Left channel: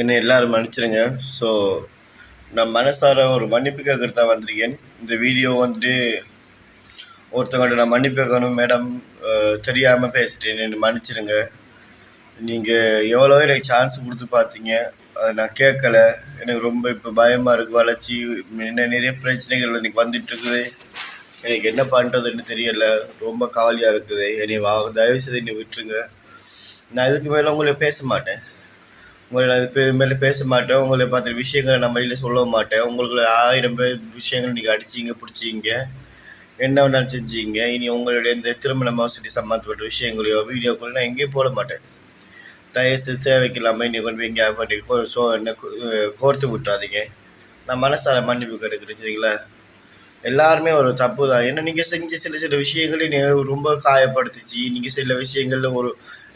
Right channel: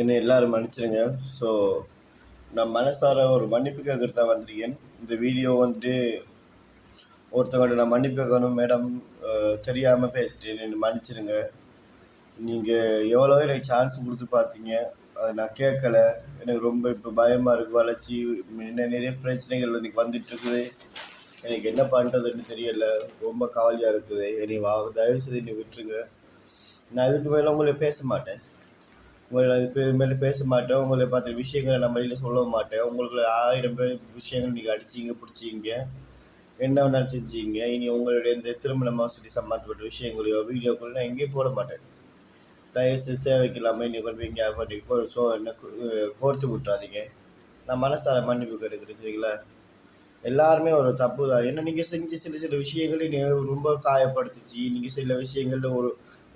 என்னை எல்லாரும் மன்னிச்சிடுங்க. ஸோ நான் மனசார ஒரு மன்னிப்பு கேட்கறதுக்கு தான் வந்திருக்கேன். இந்த வீடியோ வந்துட்டு ஒருத்தவங்கள்ட்ட நான் மன்னிப்பு கேட்கணும் மேடம், தெரியாமல் பேசிட்டேன், என்னை மன்னிச்சிடுங்க. நீங்கள் எவ்வளோ எனக்கு சான்ஸ் கொடுத்து பார்த்தீங்க, அதை நான் கேட்கல. எனக்கு ரொம்ப இப்போ பயமாக இருக்குது. வளர்ச்சி என்ன நிறைய பிரச்சனைகள் எனக்கு வந்துட்டு இருக்குது. எனக்கு என்ன பண்ணுறதுன்னு தெரியலை. ரொம்ப கவலையாக இருக்குது. என்னை தயவுசெய்து என்னை விட்டுருங்க. நான் இதுக்கு மேலே உங்களை பேச மாட்டேன். உங்களை நான் மேலே பேச மாட்டேன். உங்களை பார்த்த விஷயங்களை நான் வெளியில் சொல்ல மாட்டேன். உங்களுக்கு 1000 பேர் விஷயங்கள் நீங்கள் அடிச்சிங்க, பிடிச்சிங்க, என்ன வேணாலும் செஞ்சீங்க. இனி உங்களுடைய இந்த திருமண மோசடி சம்மந்தப்பட்ட விஷயங்களையோ வீடியோக்களோ நான் எங்கேயும் போட மாட்டேன். தயவுசெய்து தேவைக்கு இல்லாமல் இன்னை கொண்டு போய் எங்கேயா பண்ணி என்ன கோர்த்து விட்டுறாதீங்க. நான் மனசார மன்னிப்பு கிடைக்கிறேன், சரிங்களா? எல்லாருமே ஒரு தப்பு தான். ஏன்னா நீங்கள் செஞ்ச சில சில விஷயங்களே ரொம்ப காயப்படுத்துச்சு. நீங்கள் சில விஷயங்களில் ஒரு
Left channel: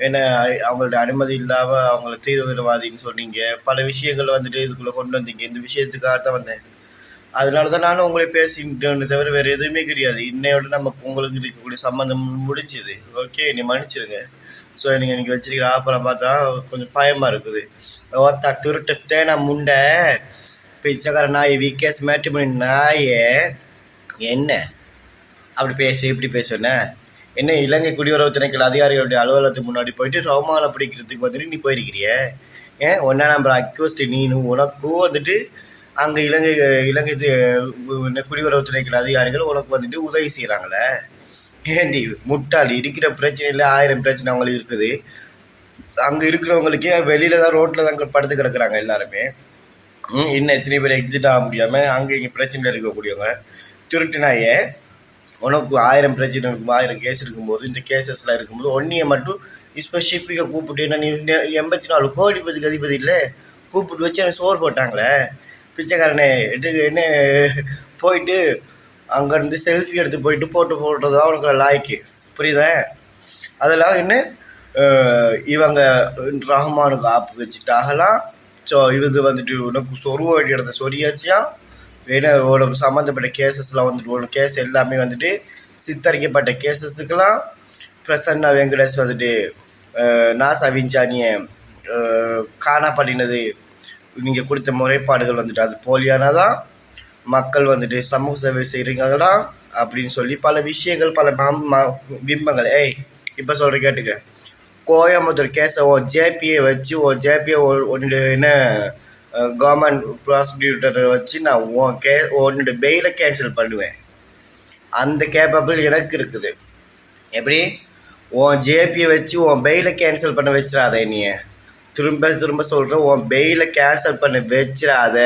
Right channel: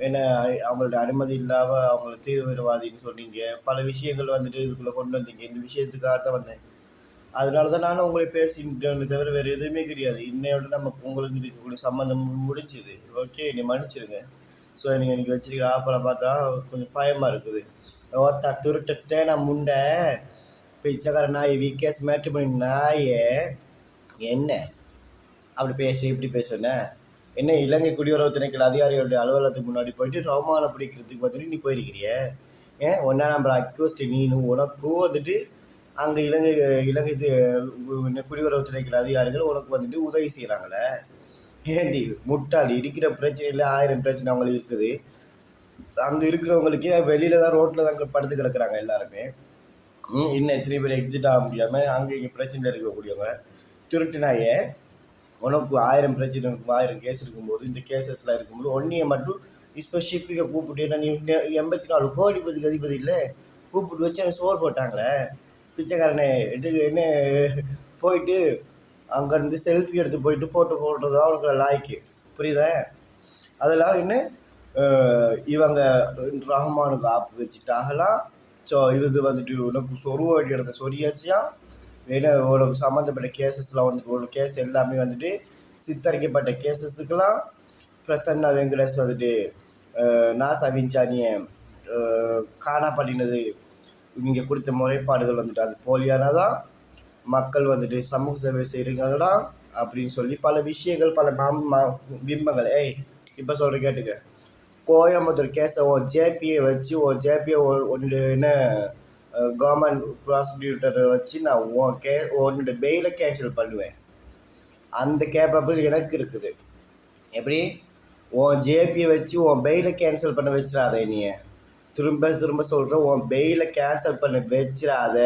ஏன்னா அவங்களோட அனுமதி இல்லாமல் அவங்கள தீவிரவாதின்னு சொன்னீங்க. பல விஷயங்கள் வந்துட்டு இதுக்குள்ளே கொண்டு வந்தீங்க. இந்த விஷயத்துக்காக தான் வந்தேன். அதனால தான் நானும் உங்களை பேசிக்கிட்டேன்னு தவிர வேறு எதுவுமே கிடையாது. இன்னையோட நமக்கு உங்களுக்கு இருக்கக்கூடிய சம்மந்தம் முடிஞ்சுது. ஓகே, நீ மன்னிச்சிடுங்க. ஸோ நீங்கள் எனக்கு வச்சிருக்கிற ஆப்பரை பார்த்தா கொஞ்சம் பயமாக இருக்குது. ஓத்தா திருட்டு தேனா முண்டை பிச்சைக்கார நாய் விகேஸ் மேட்ரிமோனி நாயே, என்ன அப்படி பேசு இப்படி பேசுன? என்ன இலங்கை குடியுறவு திணைக்கள அதிகாரிகளுடைய அலுவலகத்துக்கு முன்னாடி போயிட்டு அவமானம் பிடிக்கிறதுக்கு வந்துட்டு நீ போயிருக்கிறிய? ஏன் ஒன்றா நம்பர் அக்யூஸ்ட் நீனு உனக்கும் வந்துட்டு அங்கே இலங்கை குடியுறவு திணைக்கள அதிகாரிகள் உனக்கு வந்துட்டு உதவி செய்கிறாங்களே. ஏன்டி முட்டாளி, இருக்கிற பிரச்சனையில் 1000 பிரச்சனை அவங்களுக்கு இருக்குது. அங்கே இருக்கிறவங்களுக்கே வெளியில தான் ரோட்டில் தான் படுத்து கிடக்குறாங்க எல்லாருமே. இன்னும் எத்தனை பேர் எக்ஸிட் ஆக முடியாமல் அங்கே இங்கே பிரச்சனையில் இருக்கக்கூடியவங்க. திருட்டுனாயே உனக்கு 1000 பிரச்சனை இருக்கும், 1000 கேஸ் இருக்கும்போது, இந்த கேசஸ்லாம் இருக்கும்போது ஒன்னியை மட்டும் ஸ்பெசிஃபிக்காக கூப்பிட்டு என்ன நீ 84 கோடிபதிக்கு அதிபதி இல்லை கூப்பிட்டு வச்சு எனக்கு சோறு போட்டாங்களே பிச்சைக்காரனே. என்ன போயிட்டு அங்கேருந்து செல்ஃபி எடுத்து போயிட்டு போட்டு போடுறது தான் உனக்கு லாய்க்கு, புரியுதா? அதெல்லாம் என்ன இவங்க ரஹ்மானுக்கு ஆப்பு வச்சுட்டாகலாம். ஸோ இது வந்துட்டு உனக்கு சொருவ வேண்டிய இடத்த சொரியாச்சியா. ஏன்னா உனக்கு சம்மந்தப்பட்ட கேசஸ்லாம் வந்துட்டு உனக்கு கேஸ் எல்லாமே வந்துட்டு சித்தரிக்கப்பட்ட கேசஸுக்கெல்லாம் பிரசன்னா வெங்கடேஷ் வந்துட்டு நாசா விஞ்சானியை காணா பண்ணினது நீங்கள் கொடுத்த முறைப்பாடுகள் வந்துட்டு அது போலியானதான், மக்கள் வந்துட்டு சமூக சேவை செய்கிறீங்களா அப்படின்னு சொல்லி பல விஷயங்கள் பல பிம்பங்கள். இப்போ சொல்கிற கேட்டுக்க. கோயம்புத்தூர் கேஸை ஜேபியை வச்சு ஜேபியை ஒன்று என்ன கவர்மெண்ட் ப்ராசிக்யூட்டரை வச்சு நான் உன்னோட பெயிலை கேன்சல் பண்ணுவேன். அந்த கேப்பபிள் எனக்கு இருக்குது. எப்படி உன் ஜேபியை வச்சு உன் பெயிலை கேன்சல் பண்ண வச்சிடாத. நீ திரும்ப திரும்ப சொல்கிறேன், உன் பெயிலை கேன்சல் பண்ண வச்சிடாத.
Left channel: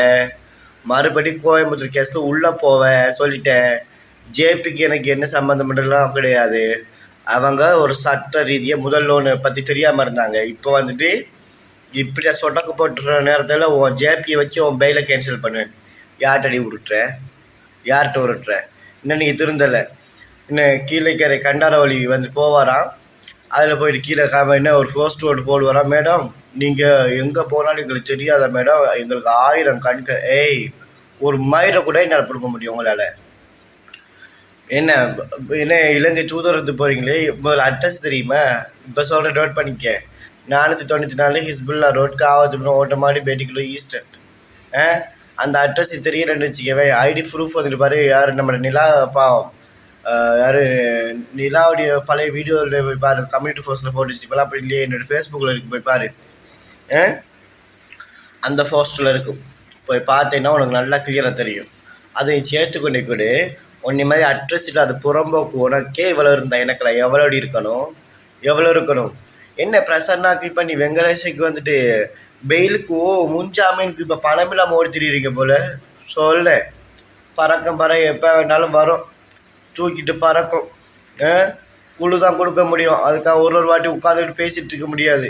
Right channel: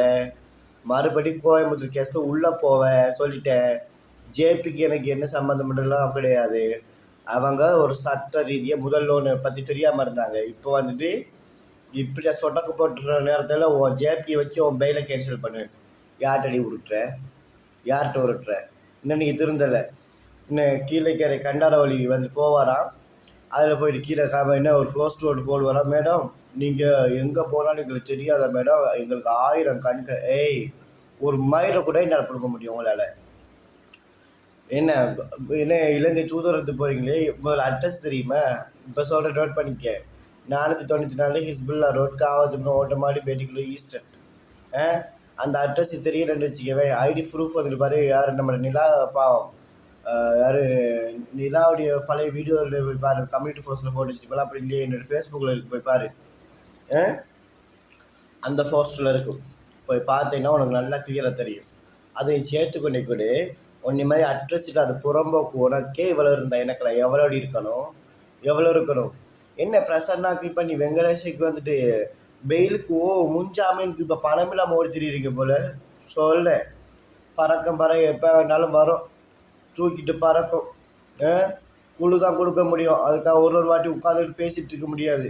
மறுபடியும் கோயம்புத்தூர் கேஸில் உள்ளே போவேன் சொல்லிட்டேன். ஜேபிக்கு எனக்கு என்ன சம்மந்தமெல்லாம் கிடையாது. அவங்க ஒரு சட்ட ரீதியாக முதல் லோனை பற்றி தெரியாமல் இருந்தாங்க. இப்போ வந்துட்டு இப்படி சொடக்கு போட்டுற நேரத்தில் உன் ஜேபியை வச்சு உன் பெயிலை கேன்சல் பண்ணுவேன். யார்கிட்ட விட்டுற, யார்கிட்ட விட்டுற? இன்னும் நீங்கள் திருந்தலை. இன்னும் கீழே கண்டாரவழி வந்து போவாராம். அதில் போயிட்டு கீழே என்ன ஒரு போஸ்ட் ஓட்டு போடுவாராம். மேடம் நீங்கள் எங்கே போனாலும் எங்களுக்கு தெரியாத மேடம், எங்களுக்கு 1000 கண்கள். ஒரு மயிரை கூட என்னால் கொடுக்க முடியும் உங்களால். என்ன இலங்கை தூதரத்து போகிறீங்களே, முதல்ல அட்ரஸ் தெரியுமா? இப்போ சொல்கிற நோட் பண்ணிக்க. 494 ஹிஸ்புல்லா ரோட், காவத்துப்புறம் ஓட்டமாடி பேட்டிக்குள்ள ஈஸ்டர்ன். அந்த அட்ரஸ் தெரியலன்னு வச்சுக்கவே. ஐடி ப்ரூஃப் வந்துட்டு பாரு. யார் நம்ம நிலா பாவம், யார் நிலாவுடைய பழைய வீடியோவில் போய் பாரு. கம்யூனிட்டி போஸ்ட்டில் போட்டு வச்சுட்டு அப்படி இல்லையே என்னோடய ஃபேஸ்புக்கில் இருக்கு, போய் பாரு. அந்த போஸ்ட்டில் இருக்கும், போய் பார்த்தீங்கன்னா உனக்கு நல்லா கிளியராக தெரியும். அதை சேர்த்துக்கொண்டே கூட உன்னை மாதிரி அட்ரஸில் அது புறம்போக்கு உனக்கே இவ்வளோ இருந்தால் எனக்கு எவ்வளோ இருக்கணும்? என்ன பிரசன்னாக்கு இப்போ நீ வெங்கடேஷுக்கு வந்துட்டு பெயிலுக்கு முன்ஜாமீனுக்கு இப்போ பணம் இல்லாமல் ஓடி திரிகிறீங்க போல. சொல்ல பறக்கும் எப்போ வேணாலும் வரும், தூக்கிட்டு பறக்கும். குழு தான் கொடுக்க முடியும். அதுக்காக ஒரு வாட்டி உட்காந்துட்டு பேசிகிட்டு இருக்க முடியாது.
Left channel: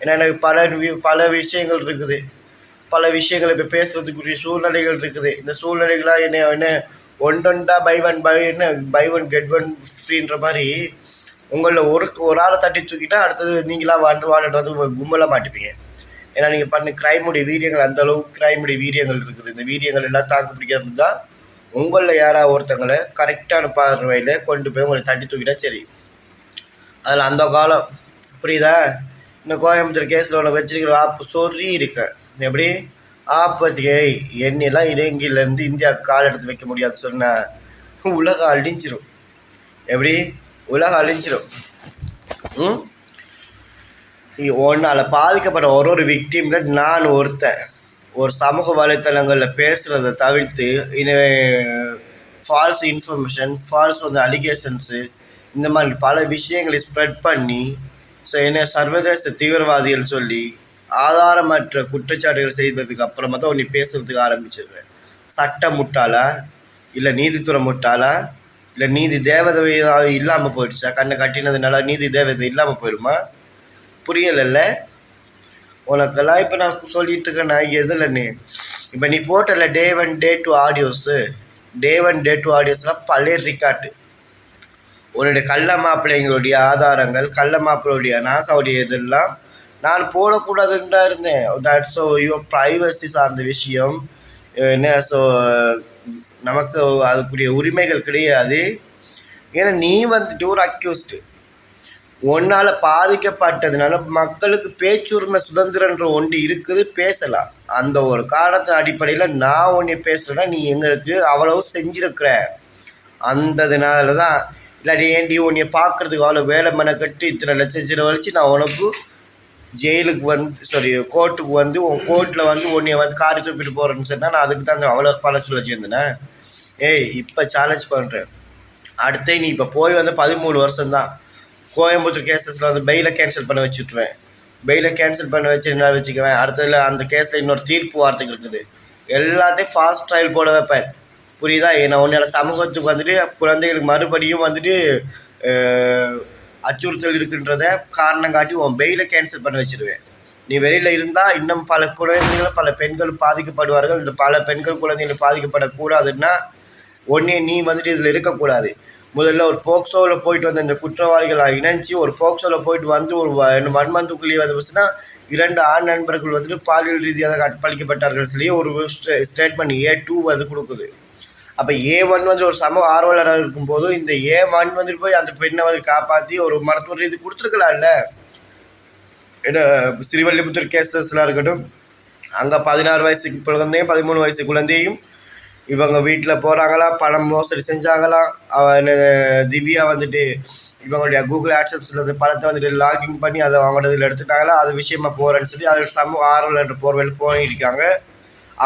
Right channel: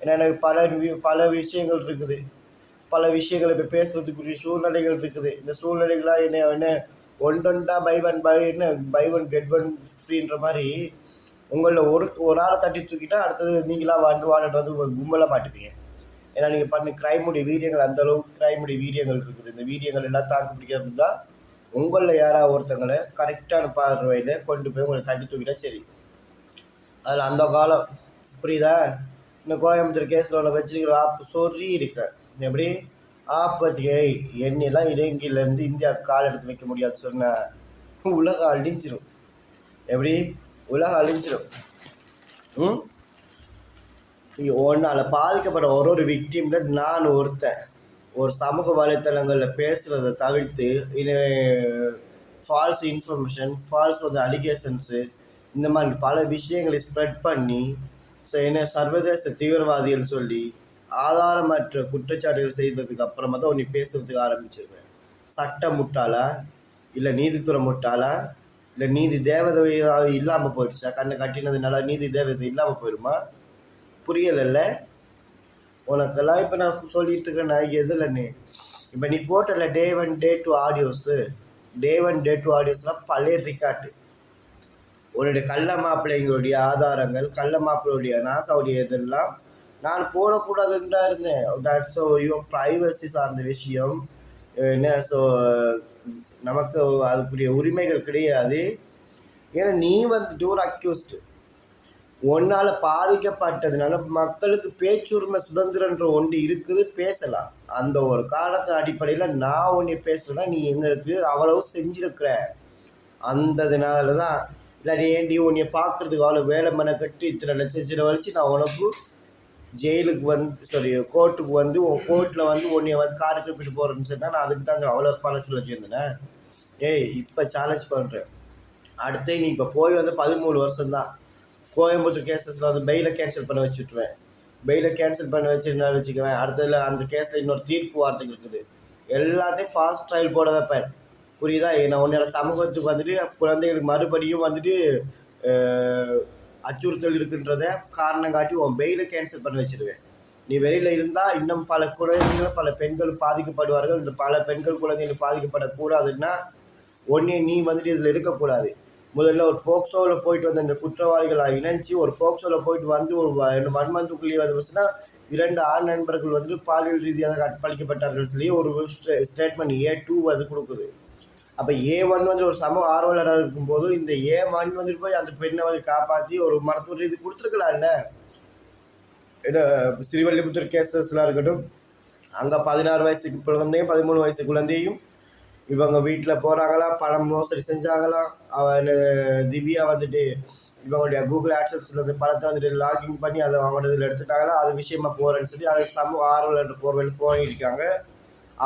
ஏன்னா எனக்கு பல விஷயங்கள் இருக்குது. பல விஷயங்கள் இப்போ பேசுகிறதுக்குரிய சூழ்நிலைகள் இருக்குது. இந்த சூழ்நிலைகளாக என்ன ஒன்றா பை ஒன் கெட் ஒன் ஃப்ரீன்ற மாதிரி உங்களில் ஒரு ஆளை தட்டி தூக்கிட்டா அடுத்தது நீங்களாம் வாழ்ந்துட்டு வந்து கும்பலாக மாட்டிப்பீங்க. ஏன்னா நீங்கள் பண்ண கிரைமுடைய வீரியங்கள் அந்த அளவுக்கு கிரைமுடைய வீரியங்கள் இருக்குது. இந்த வீரியங்கள் எல்லாம் தாக்கு பிடிக்கிறது தான் உங்களில் யாராவது ஒருத்தங்களை கரெக்டான பார்வையில் கொண்டு போய் உங்களை தட்டி தூக்கிட்டா சரி. அதில் அந்த காலம் புரியுதா? இந்த கோயம்புத்தூர் கேஸில் உனக்கு வச்சிருக்கிற ஆப்பு சொல்லி இருக்கேன். எப்படி ஆப்போசிட் என்னெல்லாம் இலங்கையிலேருந்து இந்தியா கால் எடுத்து வைக்க முடியாது சொன்ன உலகம் அழிஞ்சிரும். எப்படி உலகம் அழிஞ்சிரும். ஒன்றால் பாதிக்கப்பட்ட ஒரு விக்டிம்ல நான் ஒருத்தன். ஒரு சமூக வலைத்தளங்களில் பேசுகிறத தவிர்த்து ஃபால்ஸ் இன்ஃபர்மேஷன், ஃபால்ஸ் அலிகேஷன்ஸு, இந்த மாதிரி பல விஷயங்களை ஸ்ப்ரெட் பண்ணி என்ன சர்வதேச தீவிரவாதிகள் சொல்லி ஆதாரமற்ற குற்றச்சாட்டுகள் செய்ததுக்கு அப்புறமா தான் நீ பேசுறதுக்கு ஆரம்பிச்சிருவேன். சட்டம் முட்டாளா, இல்லை நீதித்துறை முட்டாளா, இல்லை நீதி தேவதை இல்லாமல் போயிடுச்சா? கண்ணை கட்டினதுனால நீதி தேவதை இல்லாமல் போயிடுமா? புரியலைல்ல உனக்கெல்லாம். இப்போ நான் சொல்லிட்டு இருக்கேன் நான் எதுலன்னு. இப்போ நீ போட்டல Day 1 Day 2 audios, Day 1 Day 2 ஆடியோஸ்லாம் பழைய ரிக்கார்டு. உன்னுடைய கள்ள மாப்பிள்ளைங்களுடைய ஆதாரங்கள், கள்ள மாப்பிள்ளையுடைய நாசாவுடைய இதெல்லாம் நான் போடக்கூடாதுன்னு தான் இருந்தேன். தட் ஸோ யுவர் ப்ரைவசி சார்ந்த விஷயம் என்ன. ஸோ நமக்கு அதுக்குரிய உரிமைகள் கிடையாது. ஏன்னா நீ ஒரு அக்யூஸ்டு. ஒன்னால் பாதிக்கப்பட்டதுனால மக்களுக்கு பேச்சுரிமை சுதந்திரன்ற ஒன்று இருக்குது, பேசலாம். அந்த ஒரு காரணத்தின் அடிப்படையில் நான் ஒன்று பேசுகிறேன்னா நீ எங்களுக்கு அவ்வளவு செஞ்சுருக்கிற. அந்ததுனால தான். இல்லாட்டி ஏண்டி உன்னை பார்க்குறதுக்கு அவ்வளோ வேலை மெனக்கட்டு இத்தனை லட்சம் செலவழிச்சு நான் உனக்கு ஜெயிலுக்கு கோர்ட்டுக்கு உன் கோர்ட்டில் உன்னை காரி தூப்பிட்டு போகிறேன்னு சொன்னால் நான் அதுக்கு தான் அவ்வளோ பல சொல்ல வச்சுருந்தேனே. இப்போ சேலஞ்ச் பண்ணுறேன். அடுத்து நீ இப்போ போய் 13 வருஷம்தான். கோயம்புத்தூர் கேசஸில் பெயிலை கேன்சல் பண்ண வச்சுட்ருவேன். பெயிலை கேன்சல் பண்ண வச்சு என்ன வச்சுக்குவேன். அடுத்ததில் அந்த கேஸில் இன்னொரு தீர்ப்பு வார்த்தைக்கு இருக்குது. எல்லாத்தையும் ஃபாஸ்ட் ட்ரையல் போட வைப்பேன். புரியுதா? நான் உன்னோட சமூகத்துக்கு குழந்தைகளுக்கு மறுபடியும் அச்சுறுத்தல் இருக்குன்றத காரணம் காட்டி உன் பெயிலை கேன்சல் பண்ண வச்சுருவேன். நீ வெளியில் இருந்தால் இன்னும் பல குழந்தைகள், பல பெண்கள் பாதிக்கப்படுவார்கள். இந்த பல பெண்கள் குழந்தைகள் பாதிக்கப்படக்கூடாதுன்னா ஒன்றே நீ இதில் இருக்கக்கூடாது. முதல்ல ஒரு போக்சோவில் போயிட்டு இந்த குற்றவாளிகளை இணைஞ்சி ஒரு போக்சோவில் போயிட்டு ஒரு 1 மந்த்துக்குள்ளேயே வந்துச்சுன்னா 2 ஆண் நண்பர்கள் பாலியல் ரீதியாக கற்பழிக்கப்பட்டார்கள் சொல்லி ஒரு ஸ்டேட்மெண்ட் A2 கொடுக்குது. அப்போ A1 ஒரு சமூக ஆர்வலராக இருக்கும்போது இந்த A1 போய் அந்த பெண்ணை காப்பாற்றி ஒரு மருத்துவ ரீதி கொடுத்துருக்கலாம்ல. ஏன்னா ஸ்ரீவல்லிபுத்தூர் கேசஸ்லாம் இருக்கட்டும், அங்கே 16 வயசு குழந்தையும் 13 வயசு குழந்தையும் இவங்க வீட்டில் போகிறாங்களா, பணம் மோசடி செஞ்சாங்களா, திவ்யா இவங்களுடைய கூகுள் ஆட்சன்ஸில் பணத்தை லாகின் பண்ணி அதை அவங்களோட இதில் எடுத்துட்டாங்களா, அது விஷயமா போகிறேன்னு சொல்லி அது சமூக ஆர்வலர் போர்வையில் போயிருக்காங்க.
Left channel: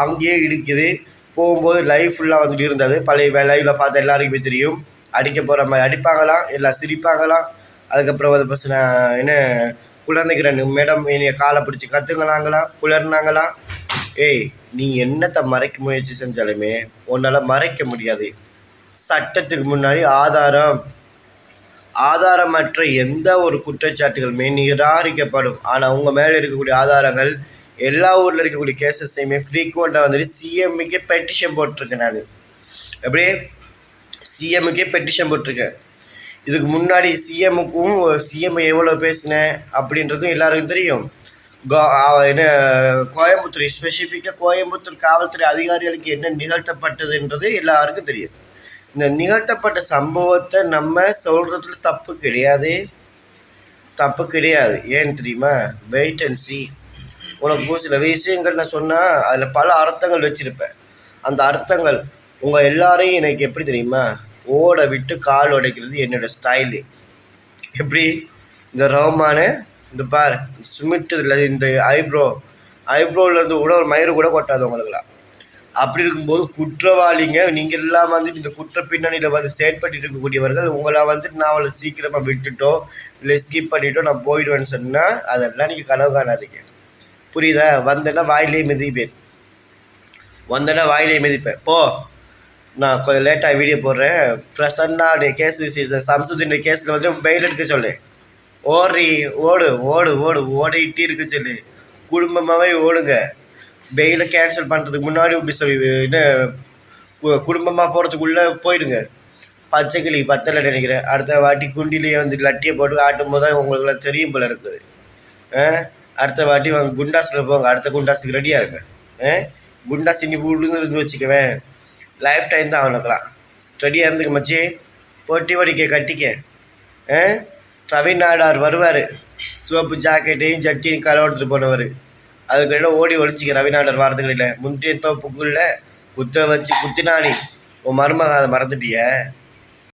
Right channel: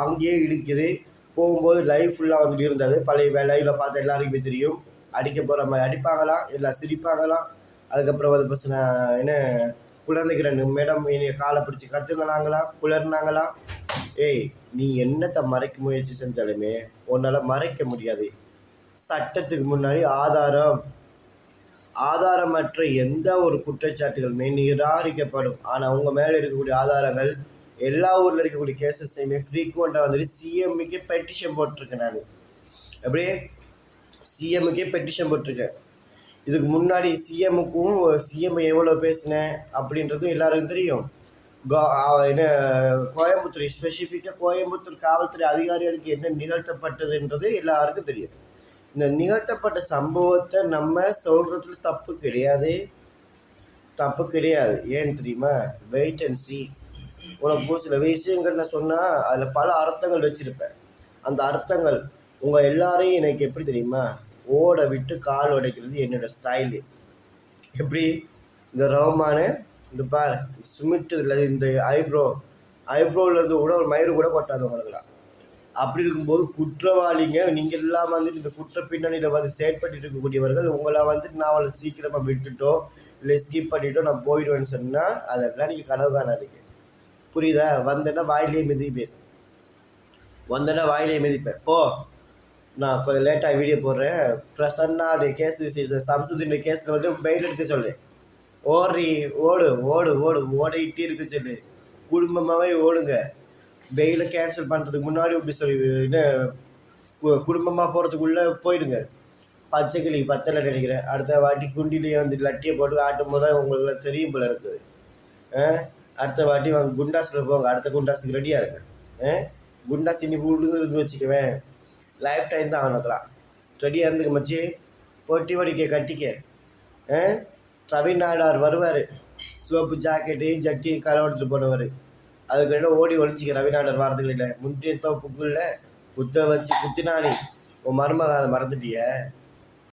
அங்கேயே இருக்குது. போகும்போது லைவ் ஃபுல்லாக இருந்தது. பழைய லைவில் பார்த்து எல்லாருக்குமே தெரியும். அடிக்க போகிற மாதிரி அடிப்பாங்களாம், எல்லாம் சிரிப்பாங்களாம். அதுக்கப்புறம் பசங்க என்ன குழந்தைக்கு 2 மேடம் என்னைய காலை பிடிச்சி கற்றுங்களாங்களாம், குளர்னாங்களாம். நீ என்னத்தை மறைக்க முயற்சி செஞ்சாலுமே உன்னால் மறைக்க முடியாது. சட்டத்துக்கு முன்னாடி ஆதாரமற்ற எந்த ஒரு குற்றச்சாட்டுகளுமே நிராகரிக்கப்படும். ஆனால் உங்கள் மேலே இருக்கக்கூடிய ஆதாரங்கள் எல்லா ஊரில் இருக்கக்கூடிய கேசஸையுமே ஃப்ரீக்வெண்ட்டாக சிஎம்முக்கே பெட்டிஷன் போட்டிருக்கேன். நான் எப்படி சிஎம்முக்கே பெட்டிஷன் போட்டிருக்கேன். இதுக்கு முன்னாடி சிஎம் எவ்வளோ பேசினேன் அப்படின்றதும் எல்லாருக்கும் தெரியும். என்ன கோயம்புத்தூர் ஸ்பெசிஃபிக்காக கோயம்புத்தூர் காவல்துறை அதிகாரிகளுக்கு என்ன நிகழ்த்தப்பட்டதுன்றது எல்லாருக்கும் தெரியும். இந்த நிகழ்த்தப்பட்ட சம்பவத்தை நம்ம சொல்கிறதுல தப்பு கிடையாது. ஏன்னு தெரியுமா? Wait and see. உனக்கு சில விஷயங்கள் நான் சொன்னால் அதில் பல அர்த்தங்கள் வச்சுருப்பேன். அந்த அர்த்தங்கள் உங்கள் எல்லாரையும் எனக்கு எப்படி தெரியுமா? ஓட விட்டு கால் உடைக்கிறது என்னோடய ஸ்டைலு. எப்படி இந்த ரோமானு இந்த பார் சுமிட்டுல இந்த ஐப்ரோவிலேருந்து கூட ஒரு மயிறு கூட கொட்டாது உங்களுக்குலாம். அப்படி இருக்கும்போது குற்றவாளிங்க நீங்கள் எல்லாம் இந்த குற்ற பின்னணியில் செயற்பட்டு இருக்கக்கூடியவர்கள் உங்களை நான் அவளை சீக்கிரமாக விட்டுட்டோ இல்லை ஸ்கிப் பண்ணிட்டோ நான் போயிடுவேன்னு சொன்னால் அதெல்லாம் நீங்கள் கனவு காணாதீங்க. புரியுதா? வந்தேன்னா வாயிலே மிதிப்பேன். போ, நான் கொஞ்சம் லேட்டாக வீடியோ போடுறேன். பிரசன்னாடைய கேஸ் சீசன் சம்சுதீனுடைய கேஸில் பெயில் எடுக்க சொல்லு. ஓடிட்டு இருக்க சொல்லு. குடும்பமாகவே ஓடுங்க. பெயிலை கேன்சல் பண்ணுறதுக்கு முன்னாடி என்ன குடும்பமாக போகிறதுக்குள்ளே போயிடுங்க. பச்சைக்கிளி பத்தலை நினைக்கிறேன். அடுத்த வாட்டி குண்டிலேயே லட்டியை போட்டு ஆட்டும் போது தான் உங்களுக்குலாம் தெரியும் போல இருக்குது. அடுத்த வாட்டி குண்டாஸில் போங்க. அடுத்த குண்டாஸுக்கு ரெடியாக இருங்க. குண்டாஸ் இன்னி விழுந்து வச்சுக்குவேன். லைஃப் டைம் தான் அவனுக்குலாம். ரெடியாக இருந்துக்க மச்சி. பொட்டி வடிக்க கட்டிக்க. ரவி நாடார் வருவார். சிவப்பு ஜாக்கெட்டையும் ஜட்டியும் கலவெடுத்துட்டு போனவர். அதுக்கிட்ட ஓடி ஒழிச்சிக்க ரவிநாதர் வாரத்துக்கிட்ட முந்திய தோப்புக்குள்ள குத்த வச்சு குத்தினாடி உன் மருமக அதை மறந்துட்டிய